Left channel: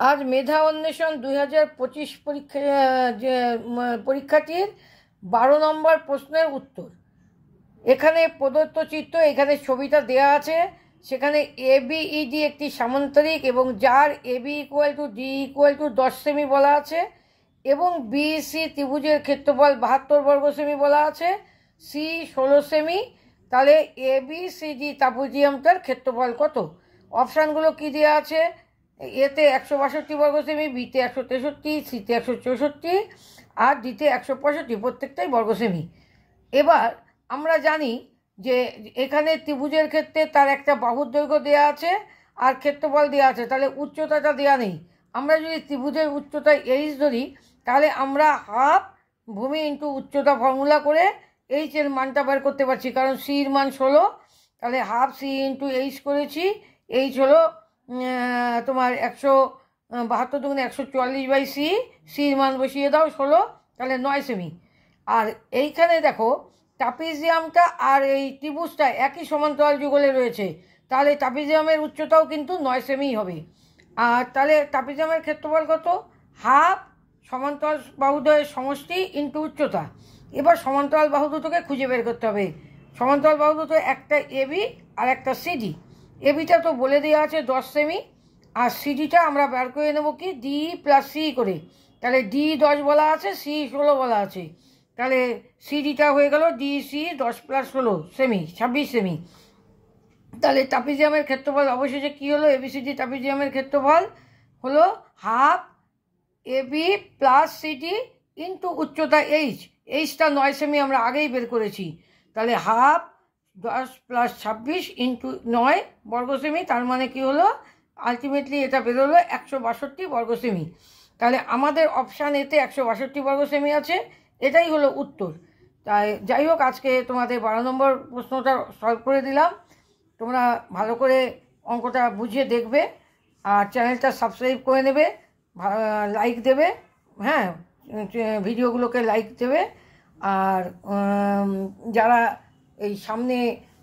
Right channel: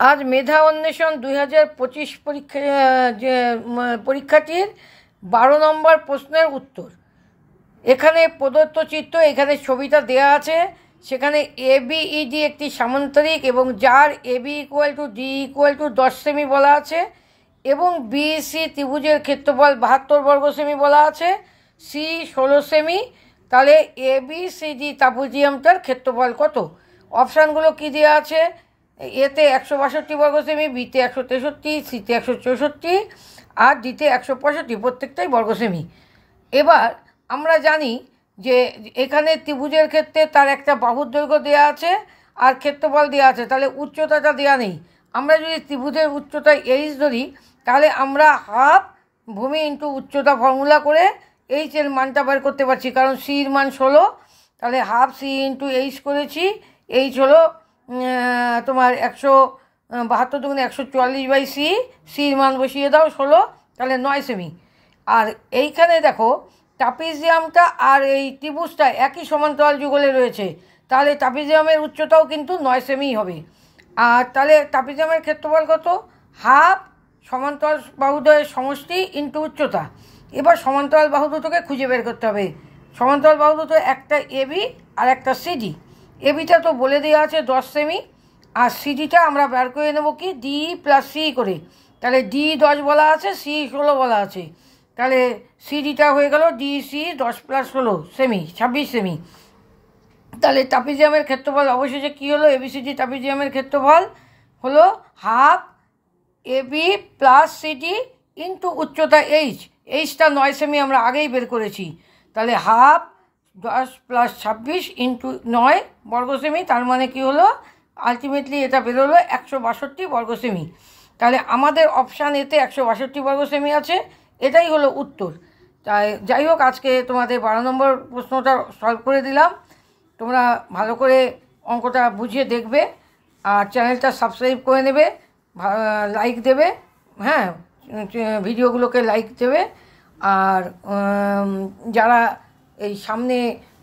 আজ মেধা অন্বেষণ 2025 পরীক্ষাটির 12 নম্বর প্রশ্নের উত্তর। এখানে প্রদত্ত চিত্র, এখানে ছবিটা দেয়া আছে। সেখানে ABED একটি সামান্তরিক এবং যার AB = D = 10 সেমি বলা আছে এবং BC ত্রিভুজের ক্ষেত্রফল 72 বর্গ সেমি বলা আছে, C 16 সেমি। তাহলে ABCD ট্রাপিজিয়ামটার ক্ষেত্রফল কত? অপশানগুলো কি দেওয়া আছে? এতে 162 বর্গ সেমি, বিতে 163, সিতে 164 আর ডিতে 165, প্রত্যেকটাই বর্গ সেমি। এবার আমরা জানি যে এখানে ত্রিভুজের ক্ষেত্রে তার একটা বাহুর দৈর্ঘ্য দেওয়া আছে আর ক্ষেত্রফল দেওয়া আছে, তাহলে উচ্চতাটা দেওয়া নেই। আমরা যদি ত্রিভুজের উচ্চতা h ধরি, তাহলে আমরা হাফ ভূমি ইন্টু উচ্চতা ফর্মুলা করে h এর মানটা বার করতে পারছি, কারণ c এর মান 16। তাহলে হাফ c ইন্টু h করেছি, h হলো তোমার 172 × 144/c, সির মান বসিয়ে দাও 16, তাহলে 9 সেমি। আর এইখানে দেখো ট্রাপিজিয়ামটা আর এই ত্রিভুজটা একই সমান্তরাল যুগলে রয়েছে, তাহলে ট্রাপিজিয়ামের উচ্চতাও কিন্তু 9 সেমিই হবে। আর তাহলে ট্রাপিজিয়ামের ক্ষেত্রফল কত? হাফ সমান্তরাল বাহুদ্বয়ের সমষ্টি ইন্টু উচ্চতা। এবার সমান্তরাল বাহু দুটোকে খুঁজে বের করতে হবে। সমান্তরাল বাহু দুটো, একটা AB আর একটা CD। এবিটা তো বলে দেওয়া আছে 10 সেমি, আর সিডিটা আমরা বের করে নেব কি D + C করে। তাহলে D 10 বলা আছে, C 16 বলা আছে, তাহলে সিডিটা হয়ে গেল DC 10 + 16 সেমি, 26 সেমি। তাহলে ট্রাপিজিয়ামের ক্ষেত্রফল অবশেষে কী হলো? ABCD ট্রাপিজিয়ামের ক্ষেত্রফল হলো হাফ AB + CD ইন্টু উচ্চতা h। এইচটা 9 সেমি আমরা আগেই বের করেছি, তাহলে হাফ 10 + 26 ইন্টু 9 বর্গ সেমি। তার মানে কি হলো? আলটিমেটলি এটা বেরোলো 162 বর্গ সেমি। তাহলে আমাদের অপশান এতে 162 বর্গ সেমি আছে, এটাই হলো উত্তর। তাই যাই হোক, আজকে তোমাদের 12 নম্বর প্রশ্নটা সলভ করে দিলাম। তোমরা ভালো করে অঙ্কটা বুঝিয়ে দেখবে আর চ্যানেলটা সাবস্ক্রাইব করে নেবে, লাইক দেবে, হ্যাঁ, ভিডিওগুলোকে লাইক দেবে। আর যারা এই সামনে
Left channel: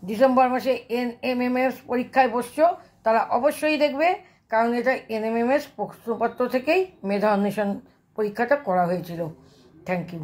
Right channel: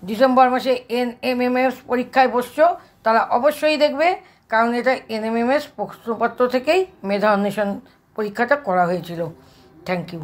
ডিসেম্বর মাসে NMMS পরীক্ষায় বসছো, তারা অবশ্যই দেখবে, কারণ এটা NMMS প্রশ্নপত্র থেকেই মেধা অন্বেষণ পরীক্ষাটা করা হয়েছিল। Thank you.